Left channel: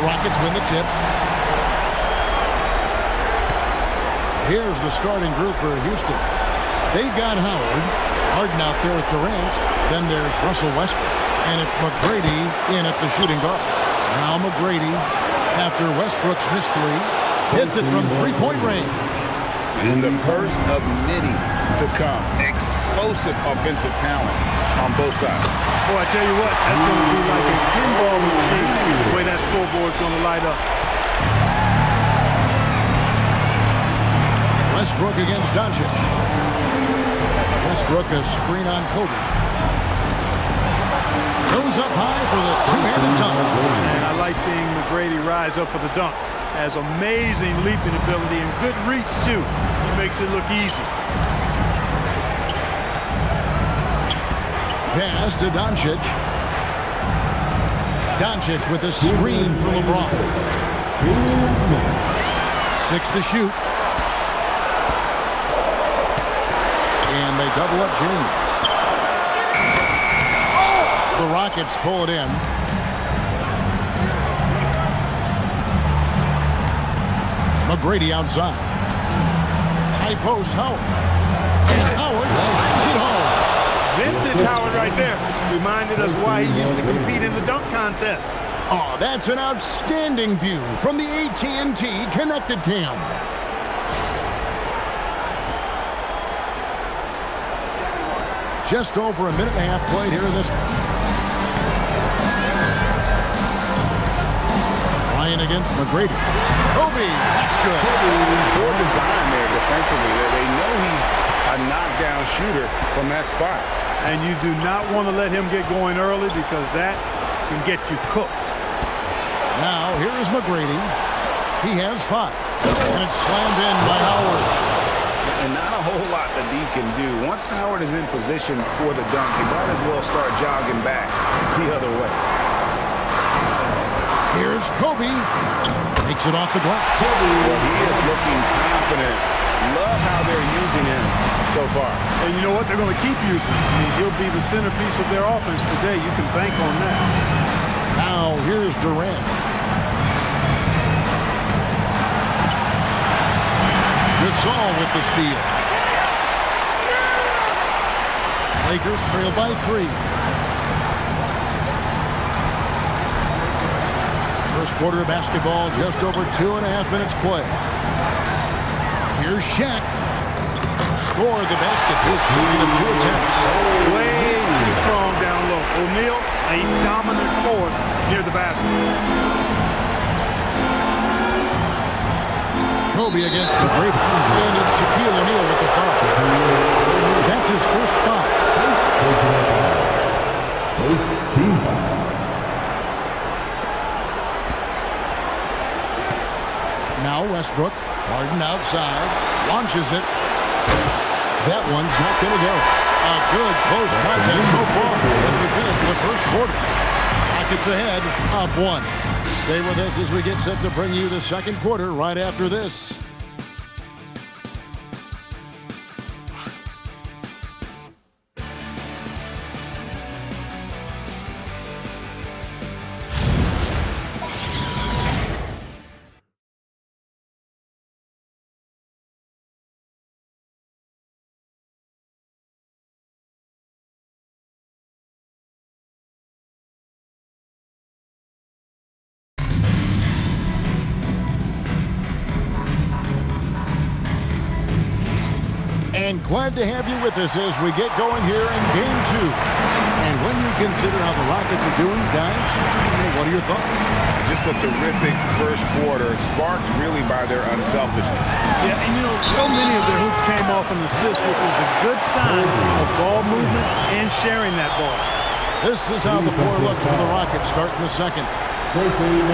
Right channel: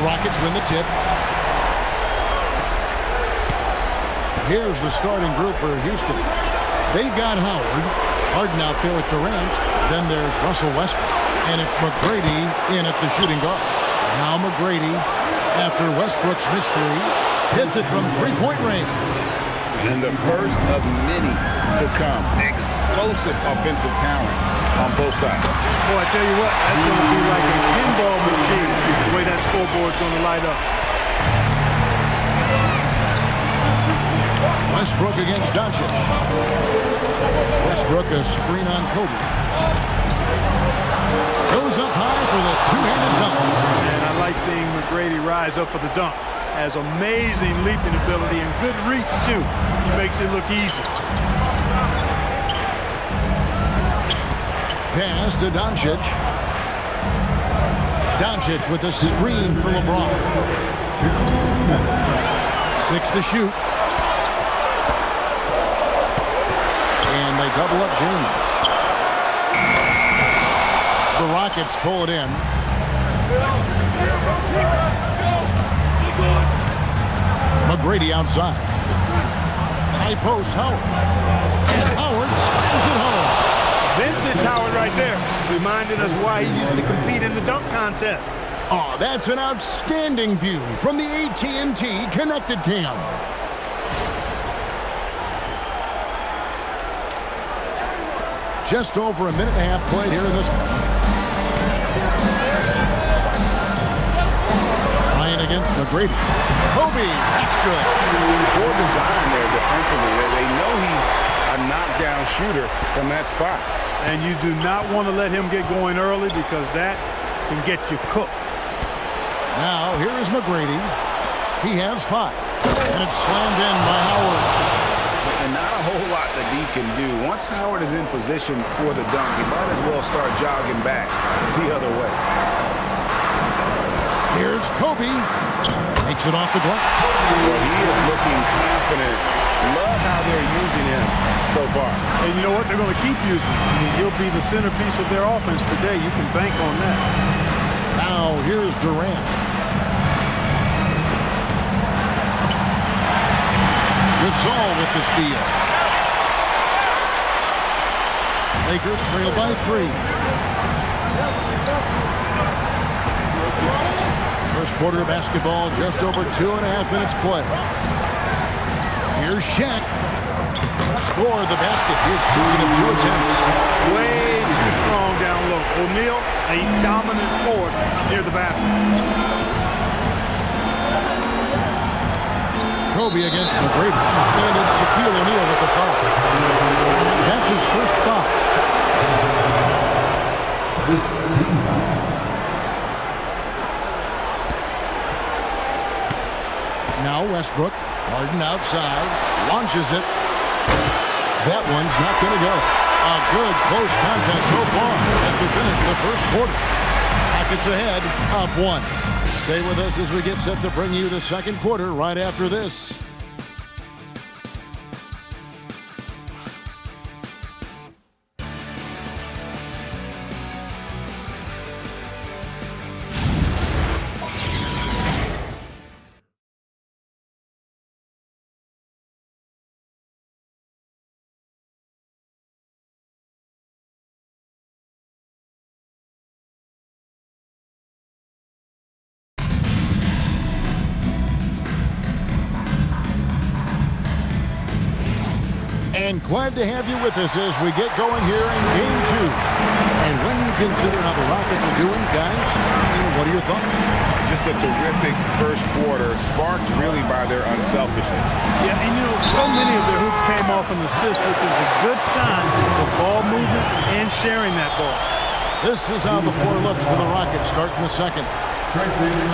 The Rockets win the tip. Here's the starting group for Houston. They've got Howard, Harden out there with Durant. Then there's Russell Westbrook. And it's McGrady in at the shooting guard. Now McGrady, after Westbrook's missed three, hits it from three-point range. And the first of many to come. Explosive offensive talent on both sides. Boy, I tell you what, that's going to be like a pinball machine, the way that scoreboard's going to light up. Westbrook against Doncic. Westbrook a screen on Kobe. Goes up high for the two-handed dunk. And I like seeing McGrady rise up for the dunk. Has amazing leaping ability and good reach, too. He makes it look easy. Pass to Doncic. Doncic with a screen for LeBron. 6 to shoot. And they double up James. The Rockets pull it in. McGrady outside. High post, Howard. And Howard slams it home. Vintage Howard right there. Reminded us why he used to compete in the dunk contest. Oh, that's an outstanding view from the AT&T Connected Cam. Just over a minute and a half played here in this one. Bryant against McGrady. Kobe, that's good. Poor design there defensively. They know he's a knockdown shooter from that spot. And you do not want to let him get going early because that can get you cooked. Now, here is McGrady. He has 5. And it's slammed in by Howard. And not a whole lot that he can do. Once Howard is in position for the dunk, he might as well start jogging back the other way. Here's Kobe. Takes it off the glass. Well, he is looking confident. Love how they're using him so far. And you know what? They're going to keep using him. I mean, he'll be the centerpiece of their offense today. You can bank on that. Now, here's Durant. Gasol with the steal. Lakers trail by 3. First quarter of basketball, just over 2.5 minutes play. Here's Shaq. Scored the basket, his second of 2 attempts. Way too strong down low. O'Neal, a dominant force near the basket. Kobe against McGrady. And it's Shaquille O'Neal with the foul. That's his first foul. First team foul. Now Westbrook. Harden outside. Launches it. That one's not going to go. A good close contest so far as we finish the first quarter. Rockets ahead, up 1. Stay with us as we get set to bring you the second quarter right after this. And glad to have you with us as we get going here in Game 2. And when you consider how the Rockets are doing, guys, what are your thoughts? Just a terrific first quarter, sparked really by their unselfishness. Yeah, and so many of their hoops came off an assist, which is a good sign of ball movement and sharing that ball. This is how the floor looks for the Rockets starting the second.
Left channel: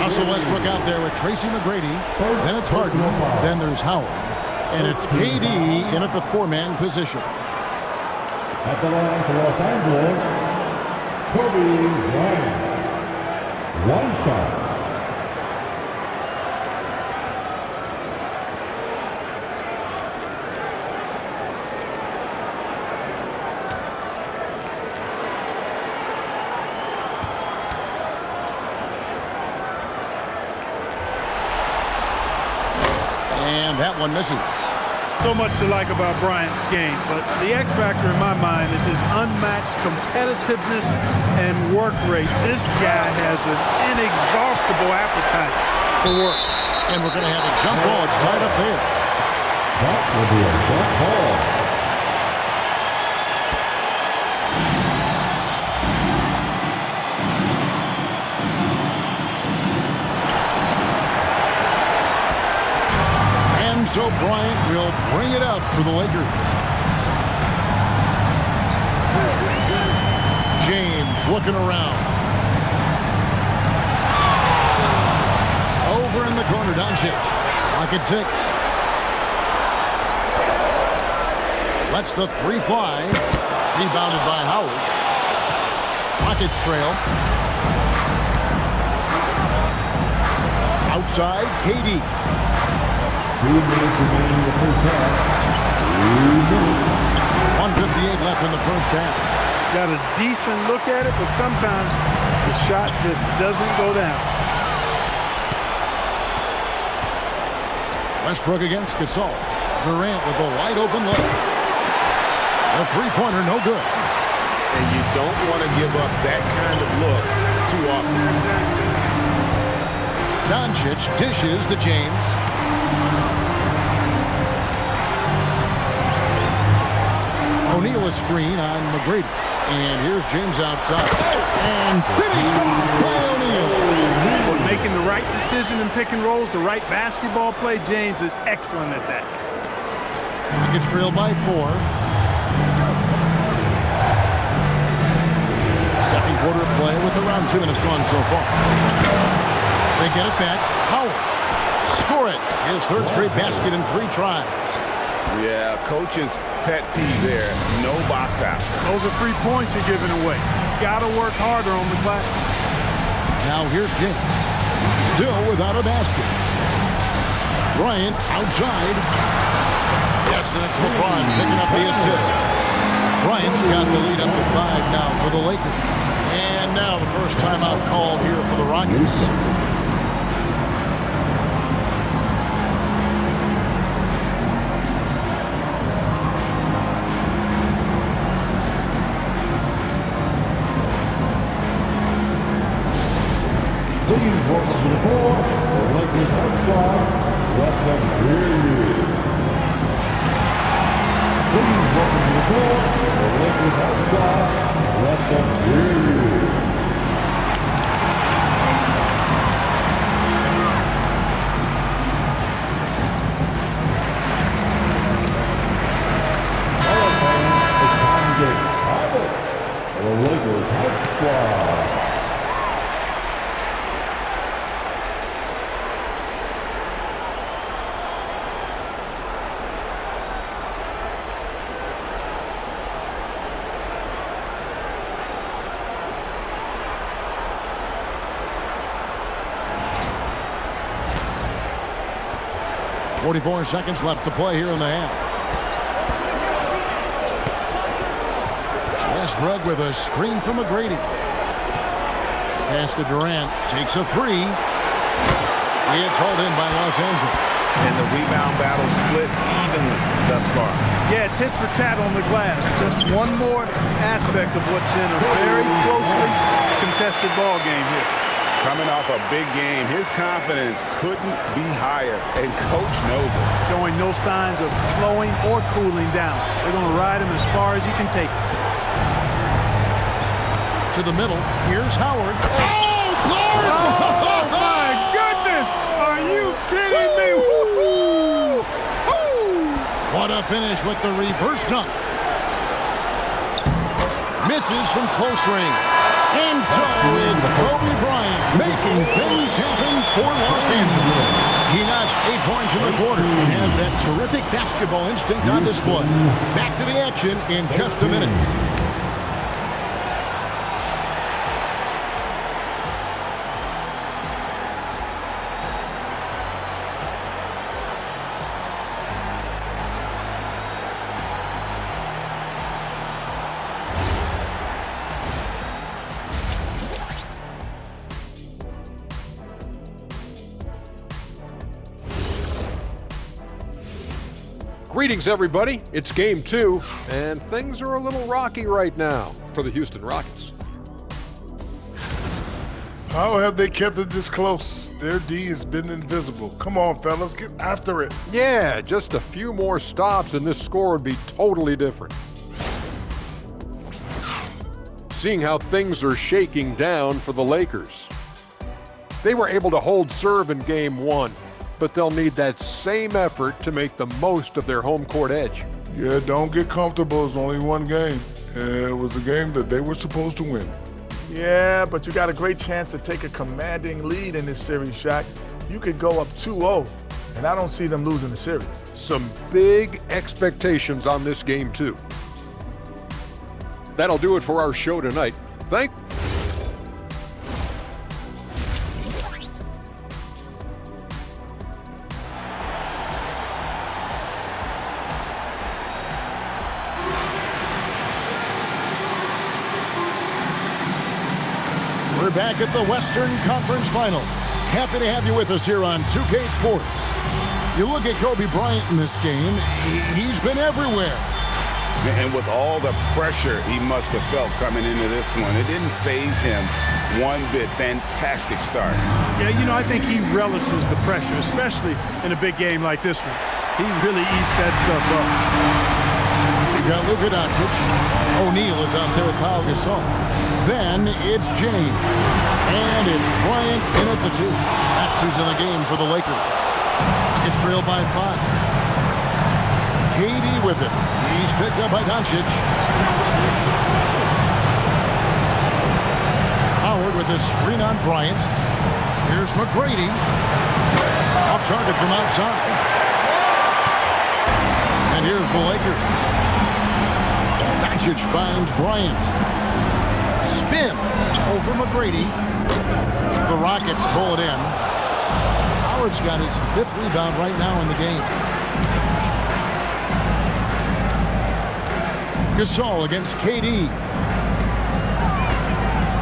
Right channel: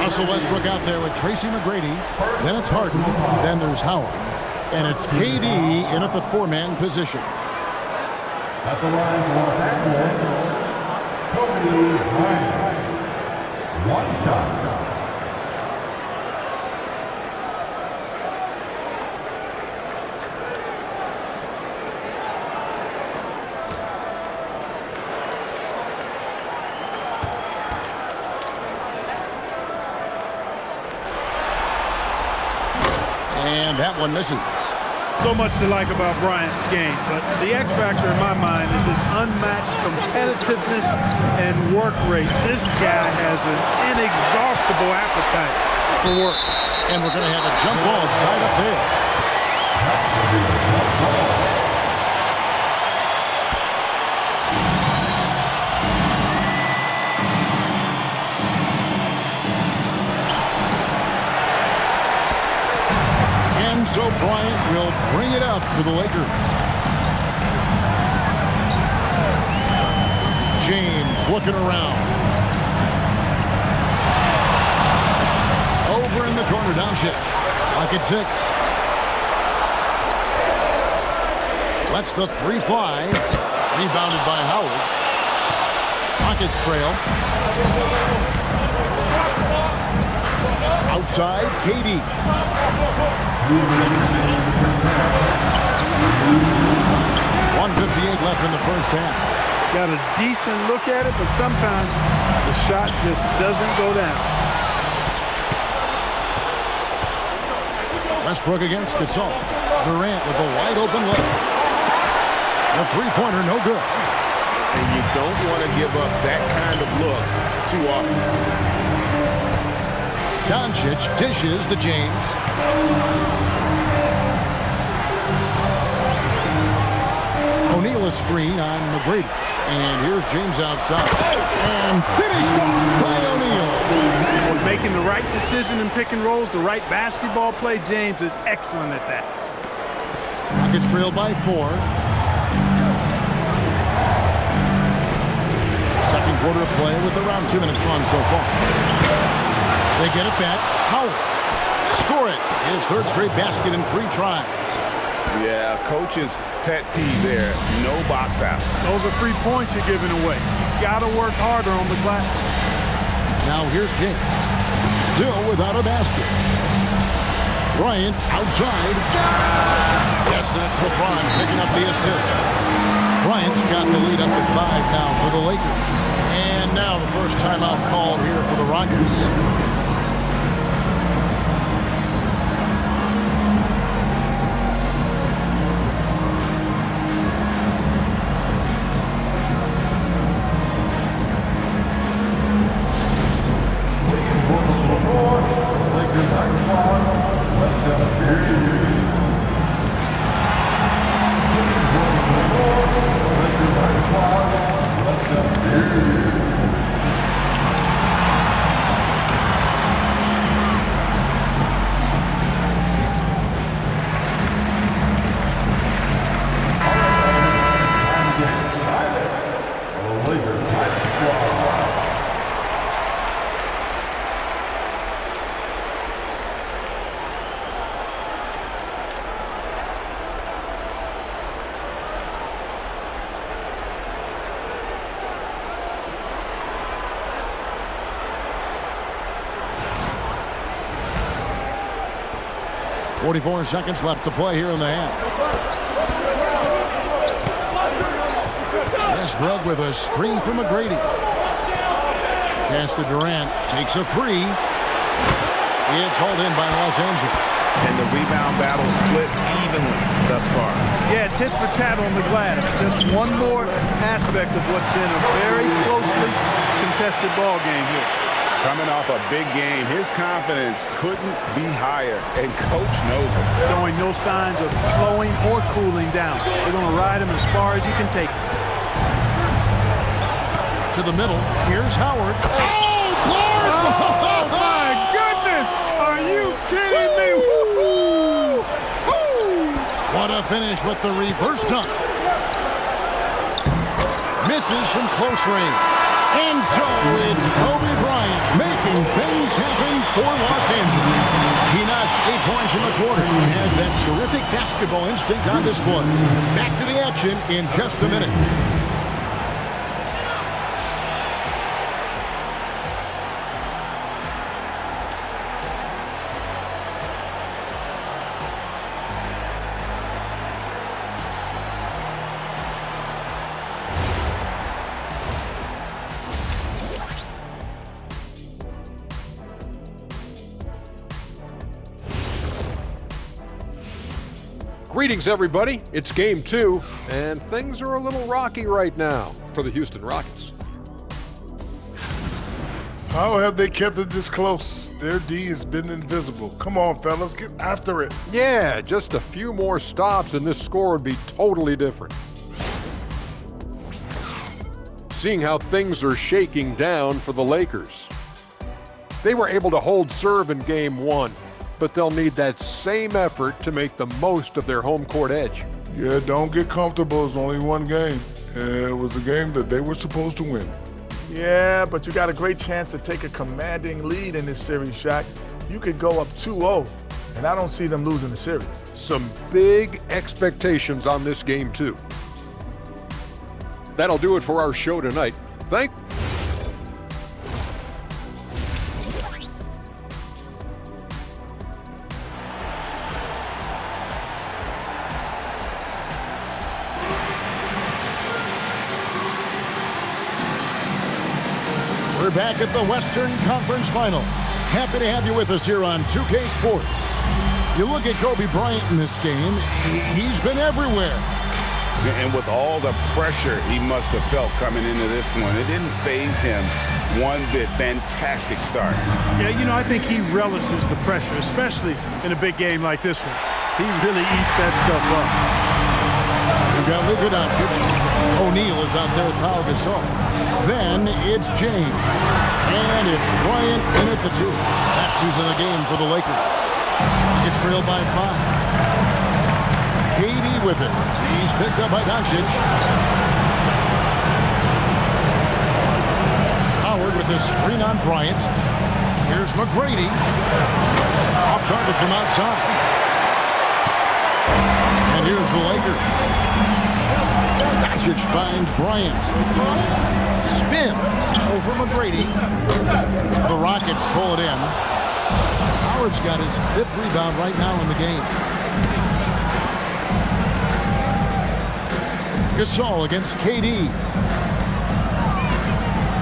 Russell Westbrook out there with Tracy McGrady. Then it's Harden. Then there's Howard. And it's KD in at the 4-man position. At the line for Los Angeles, Kobe Bryant. 1 shot. And that one misses. So much to like about Bryant's game, but the X factor in my mind is his unmatched competitiveness and work rate. This guy has an inexhaustible appetite for work. And we're going to have a jump ball. It's tied up there. That will be a jump ball. And so Bryant will bring it up for the Lakers. James looking around. Over in the corner, Doncic. Lock at 6. Lets the 3 fly. Rebounded by Howard. Rockets trail. Outside, KD. 2 minutes remaining in the first half. 1:58 left in the first half. Got a decent look at it, but sometimes the shot just doesn't go down. Westbrook against Gasol. Durant with a wide open look. The three-pointer no good. And you don't want to give up that kind of look too often. Doncic dishes to James. O'Neal a screen on McGrady. And here's James outside. And finished off by O'Neal. Well, making the right decision in pick and rolls, the right basketball play, James is excellent at that. Rockets trail by 4. Second quarter of play with around 2 minutes gone so far. They get it back. Howard. Score it. His third straight basket in 3 tries. Yeah, coach's pet peeve there. No box out. Those are free points you're giving away. You got to work harder on the glass. Now here's James. Still without a basket. Bryant outside. Yes, and it's Lebron picking up the assist. Bryant's got the lead up to 5 now for the Lakers. And now the first timeout called here for the Rockets. Please welcome to the floor, the Lakers High Squad. Let them hear you. Please welcome to the floor, the Lakers High Squad. Let them hear you. All right, man, it's time to get excited. The Lakers High Squad. .44 seconds left to play here in the half. Westbrook with a screen from McGrady. Pass to Durant. Takes a 3. It's hauled in by Los Angeles. And the rebound battle split evenly thus far. Yeah, tit for tat on the glass. Just one more aspect of what's been a very closely contested ball game here. Coming off a big game, his confidence couldn't be higher, and coach knows it. Showing no signs of slowing or cooling down. They're going to ride him as far as he can take him. To the middle. Here's Howard. Oh, Clark! Oh, my goodness! Are you kidding me? Woo-hoo! Woo! What a finish with the reverse dunk. Misses from close range. And so it's Kobe Bryant making things happen for Los Angeles. He notched 8 points in the quarter and has that terrific basketball instinct on display. Back to the action in just a minute. Greetings, everybody. It's Game 2, and things are a little rocky right now for the Houston Rockets. How have they kept it this close? Their D has been invisible. Come on, fellas, get after it. Yeah, just a few more stops and this score would be totally different. Seeing how things are shaking down for the Lakers. They were able to hold serve in Game 1, but they'll need that same effort to make the most of their home court edge. Yeah, don't get comfortable. It's only one game. It was a game that they were supposed to win. Yeah, but you got a great chance to take a commanding lead in this series, Shaq. You could go up 2-0, and I don't see them losing the series. Some big expectations on this game, too. That'll do it for our show tonight. We're back at the Western Conference Final. Happy to have you with us here on 2K Sports. You look at Kobe Bryant in this game, he's been everywhere. And with all the pressure he must have felt coming into this one, it didn't faze him one bit. Fantastic start. Yeah, you know, I think he relishes the pressure, especially in a big game like this one. He really eats that stuff up. We've got Luka Doncic. O'Neal is out there with Pau Gasol. Then it's James. And it's Bryant in at the 2. That's who's in the game for the Lakers. Rockets trail by 5. KD with it. He's picked up by Doncic. Howard with his screen on Bryant. Here's McGrady. Off target from outside. And here's the Lakers. Doncic finds Bryant. Spins over McGrady. The Rockets pull it in. Howard's got his 5th rebound right now in the game. Gasol against KD.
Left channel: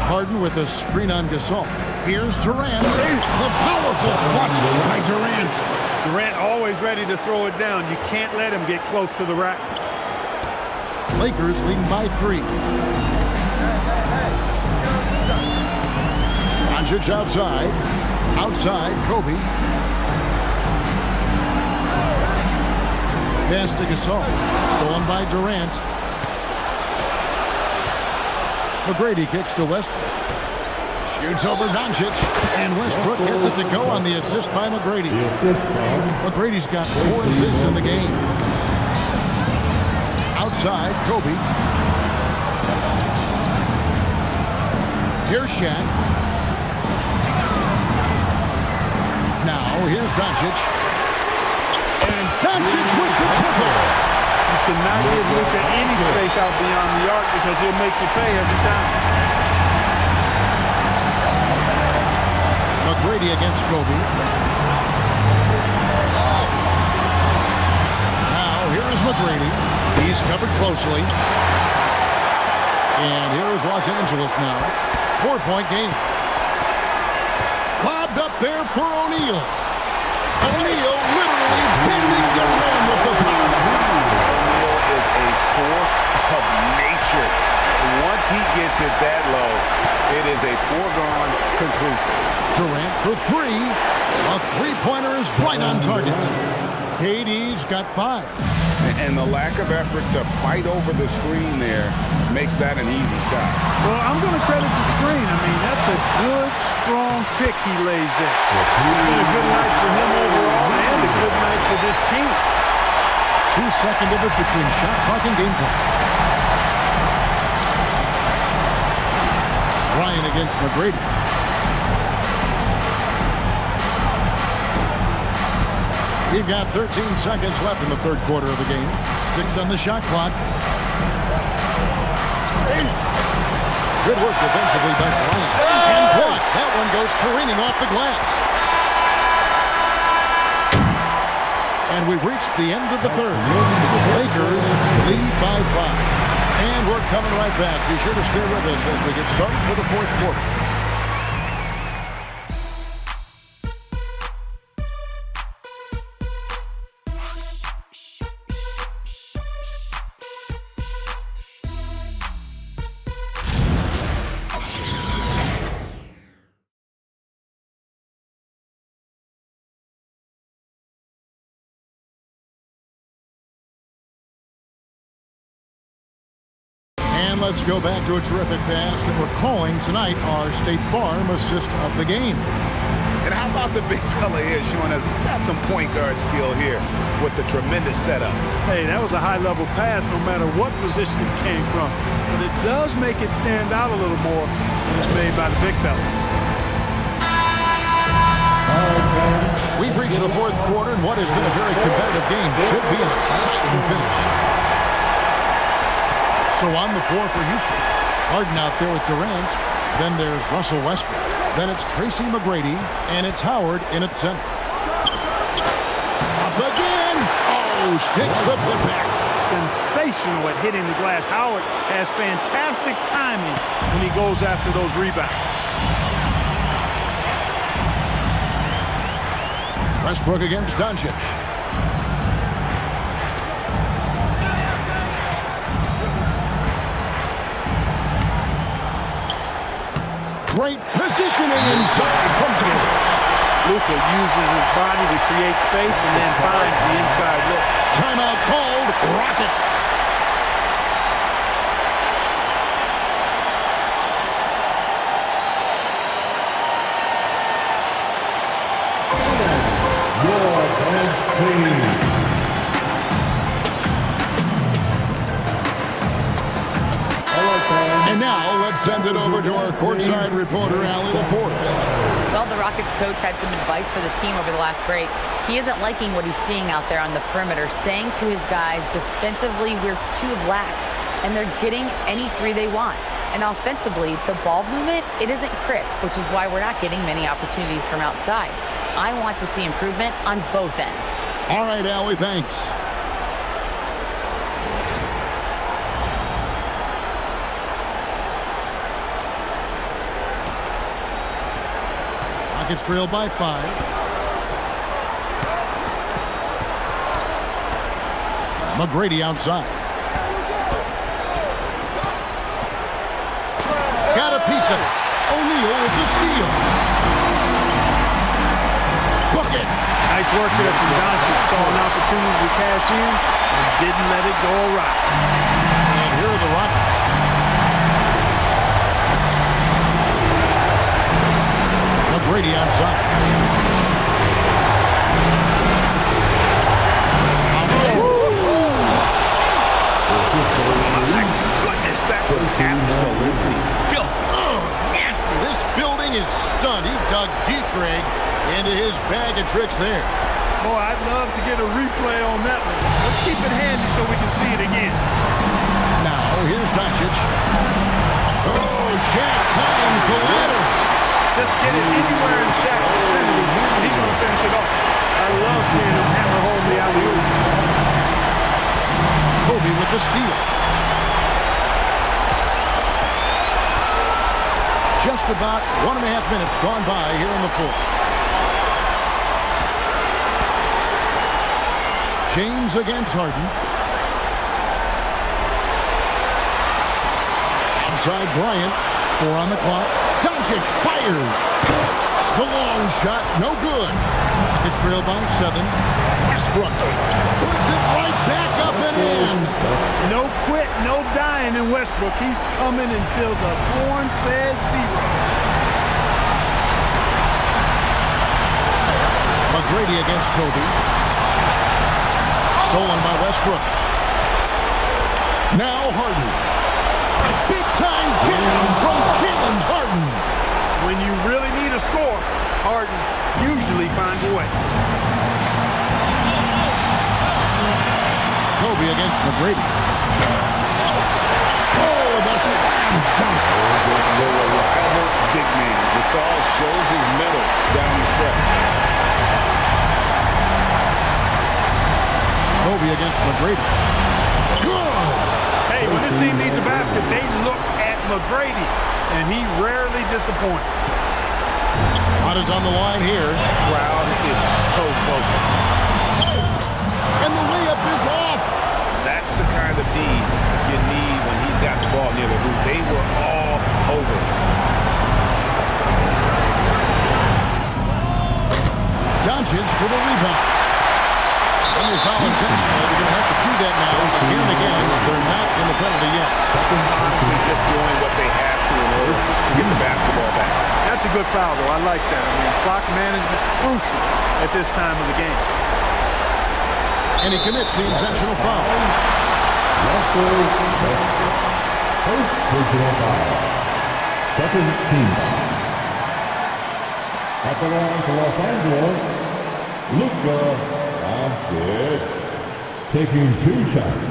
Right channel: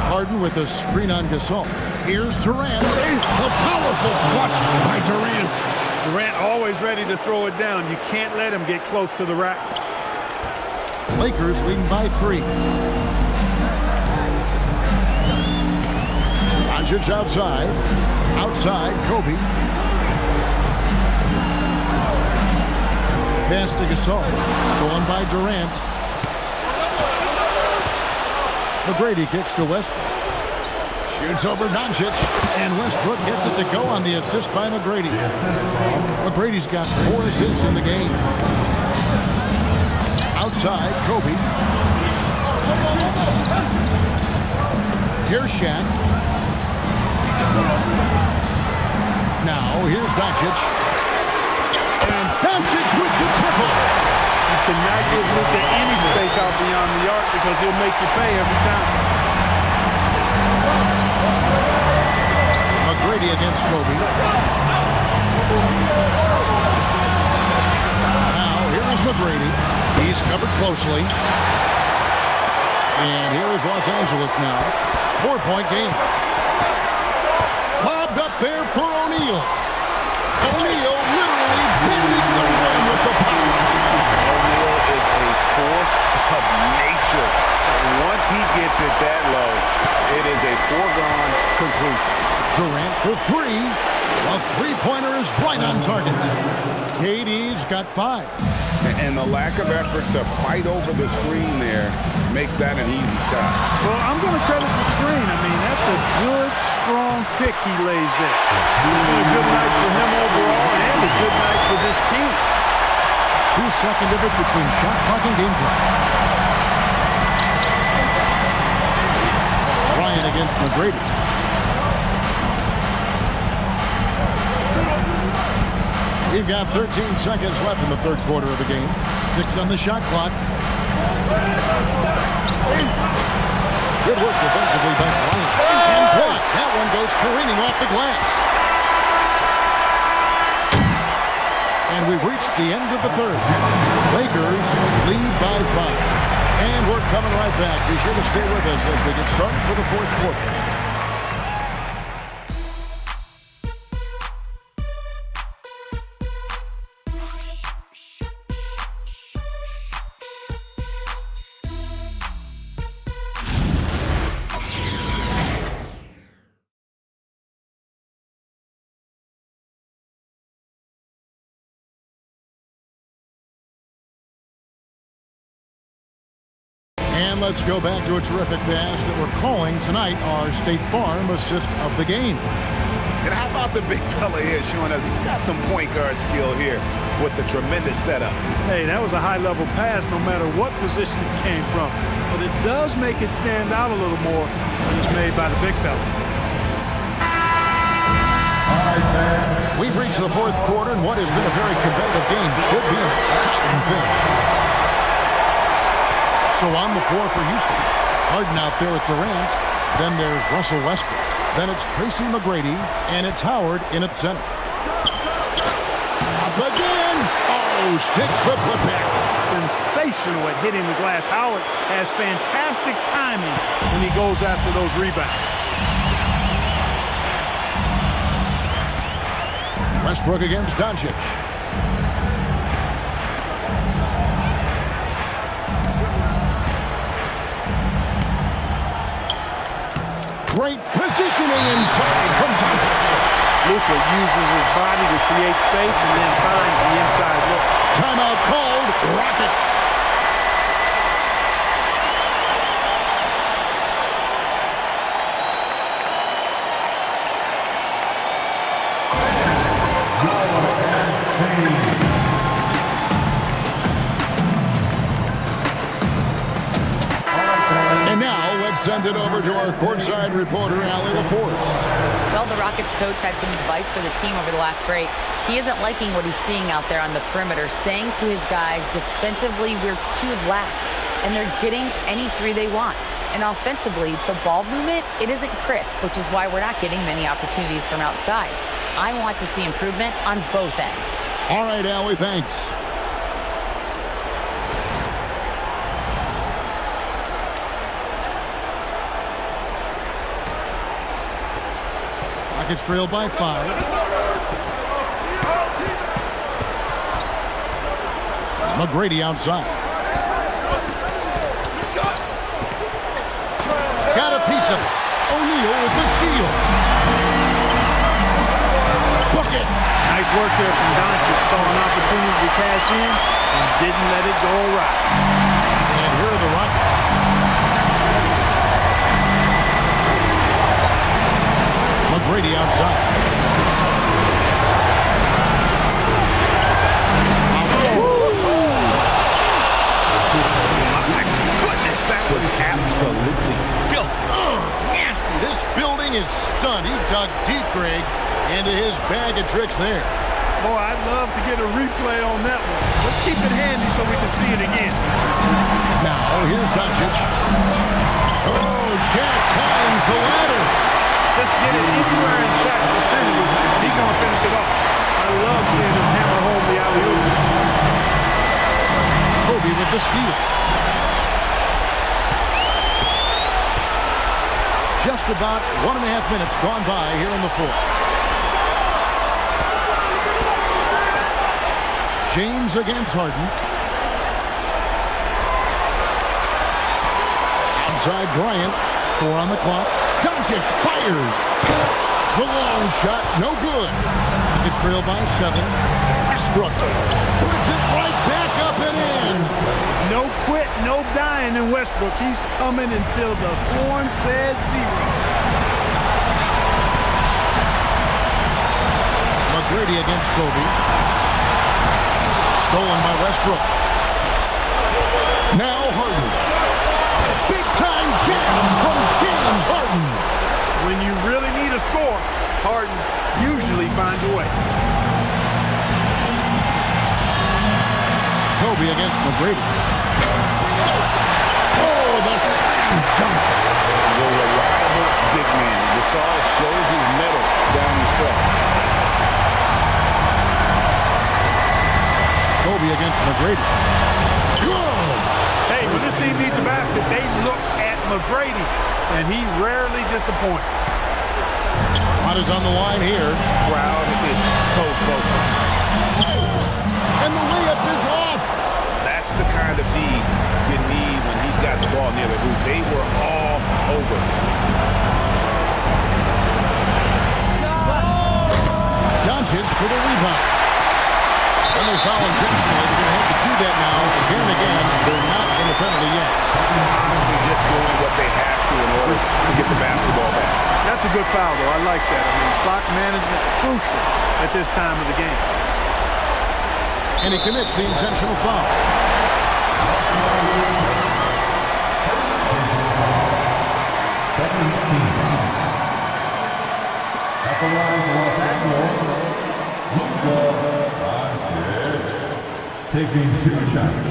Harden with a screen on Gasol. Here's Durant. The powerful flush by Durant. Durant always ready to throw it down. You can't let him get close to the rack. Lakers leading by 3. Doncic outside. Outside, Kobe. Pass to Gasol. Stolen by Durant. McGrady kicks to Westbrook. Shoots over Doncic. And Westbrook gets it to go on the assist by McGrady. McGrady's got 4 assists in the game. Outside, Kobe. Here's Shaq. Now, here's Doncic. And Doncic with the triple. You cannot give Luka any space out beyond the arc because he'll make you pay every time. McGrady against Kobe. Now, here is McGrady. He's covered closely. And here is Los Angeles now. 4-point game. Lobbed up there for O'Neal. O'Neal literally bending the rim with the power. O'Neal is a force of nature. Once he gets it that low, it is a foregone conclusion. Durant for 3. A 3-pointer is right on target. KD's got 5. And the lack of effort to fight over the screen there makes that an easy shot. Well, I'm going to credit the screen. I mean, that's a good, strong pick he lays there. It's been a good night for him overall and a good night for this team. 2-second difference between shot clock and game clock. Bryant against McGrady. We've got 13 seconds left in the 3rd quarter of the game. 6 on the shot clock. Good work defensively by Bryant. And blocked. That one goes careening off the glass. And we've reached the end of the 3rd. Lakers lead by 5. And we're coming right back. Be sure to stay with us as we get started for the 4th quarter. And let's go back to a terrific pass that we're calling tonight our State Farm assist of the game. And how about the big fella here showing us he's got some point guard skill here with the tremendous setup. Hey, that was a high-level pass no matter what position it came from. But it does make it stand out a little more when it's made by the big fella. We've reached the fourth quarter, and what has been a very competitive game should be an exciting finish. So on the floor for Houston. Harden out there with Durant. Then there's Russell Westbrook. Then it's Tracy McGrady, and it's Howard in at center. Up again. Oh, sticks the putback. Sensational at hitting the glass. Howard has fantastic timing when he goes after those rebounds. Westbrook against Doncic. Great positioning inside from Doncic. Luka uses his body to create space and then finds the inside look. Timeout called. Rockets. And now let's send it over to our courtside reporter, Allie LaForce. Well, the Rockets coach had some advice for the team over the last break. He isn't liking what he's seeing out there on the perimeter, saying to his guys, defensively, we're too lax, and they're getting any three they want. And offensively, the ball movement, it isn't crisp, which is why we're not getting many opportunities from outside. I want to see improvement on both ends. All right, Allie, thanks. Rockets trail by 5. McGrady outside. Got a piece of it. O'Neal with the steal. Book it. Nice work there from Doncic. Saw an opportunity to cash in and didn't let it go awry. And here are the Rockets. McGrady outside. My goodness, that was absolutely filthy. Oh, nasty. This building is stunned. He dug deep, Greg, into his bag of tricks there. Boy, I'd love to get a replay on that one. Let's keep it handy so we can see it again. Now, here's Doncic. Oh, Shaq climbs the ladder. Just get it anywhere in Shaq's vicinity, and he's going to finish it off. I love seeing him hammer home the alley-oop. Kobe with the steal. Just about 1.5 minutes gone by here in the fourth. James against Harden. Outside Bryant. 4 on the clock. Doncic fires. The long shot, no good. Rockets trail by 7. Westbrook puts it right back up and in. No quit, no dying in Westbrook. He's coming until the horn says 0. McGrady against Kobe. Stolen by Westbrook. Now Harden. Big-time jam from James Harden. When you really need a score, Harden usually finds a way. Kobe against McGrady. Oh, the slam dunk. The reliable big man. Gasol shows his mettle down the stretch. Kobe against McGrady. Good. Hey, when this team needs a basket, they look at McGrady, and he rarely disappoints. A lot is on the line here. Crowd is so focused. And the layup is off. That's the kind of D you need when he's got the ball near the hoop. They were all over. Doncic for the rebound. When they foul intentionally, they're going to have to do that now. Again and again, they're not in the penalty yet. Honestly, just doing what they have to in order to get the basketball back. That's a good foul, though. I like that. I mean, clock management crucial at this time of the game. And he commits the intentional foul. First personal foul. Second team foul. At the line for Los Angeles, Luka Doncic taking 2 shots.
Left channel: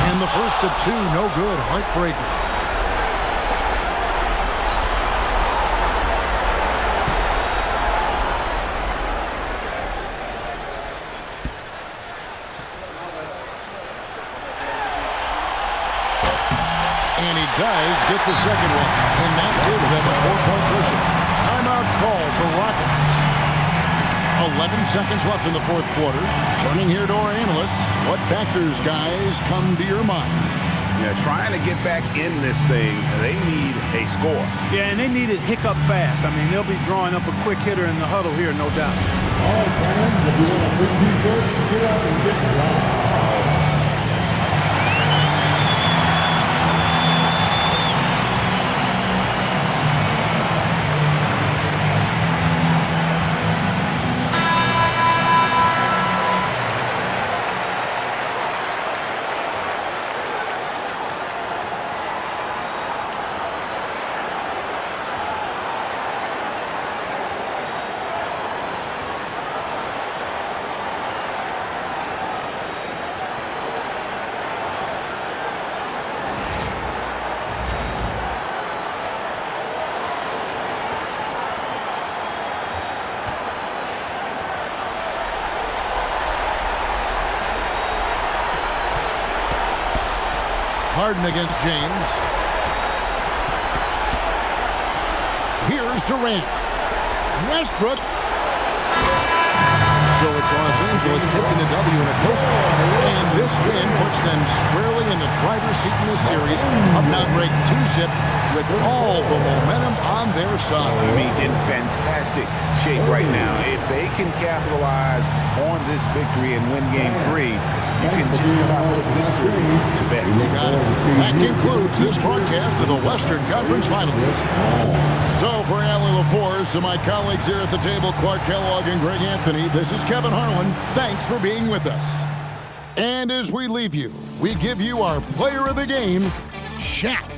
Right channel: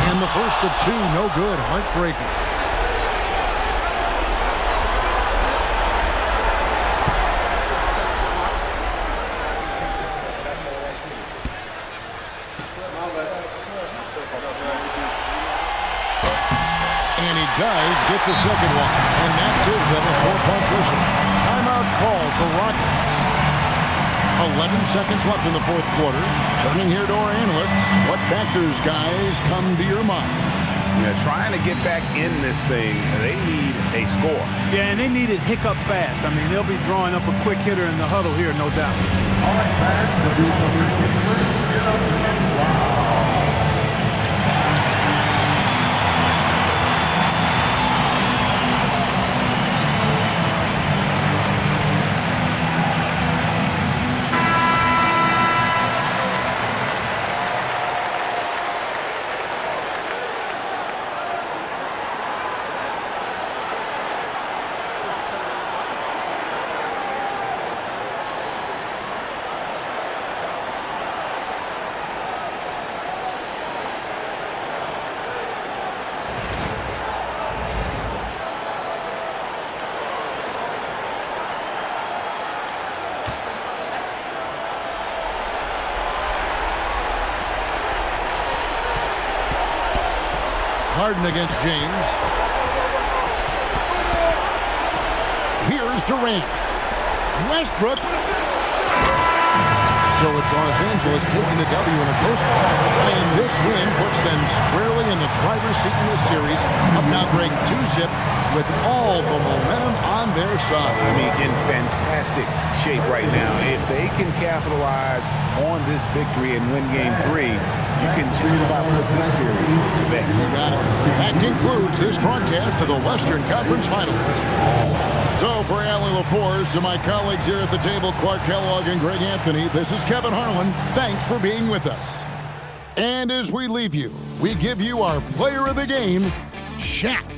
And the first of 2, no good. Heartbreaker. And he does get the second one. And that gives them a 4-point cushion. Timeout called the Rockets. 11 seconds left in the fourth quarter. Turning here to our analysts. What factors, guys, come to your mind? Yeah, trying to get back in this thing, they need a score. Yeah, and they need it hiccup fast. I mean, they'll be drawing up a quick hitter in the huddle here, no doubt. All right, fans, if you want to win t-shirt, get up and get wild. Harden against James. Here's Durant. Westbrook. So it's Los Angeles taking the W in a close one. And this win puts them squarely in the driver's seat in this series. Up now break 2-zip with all the momentum on their side. I mean, in fantastic shape right now. If they can capitalize on this victory and win game 3, you can just about put this series to bed. You got it. That concludes this broadcast of the Western Conference Finals. So for Allie LaForce, to my colleagues here at the table, Clark Kellogg and Greg Anthony, this is Kevin Harlan. Thanks for being with us. And as we leave you, we give you our player of the game, Shaq.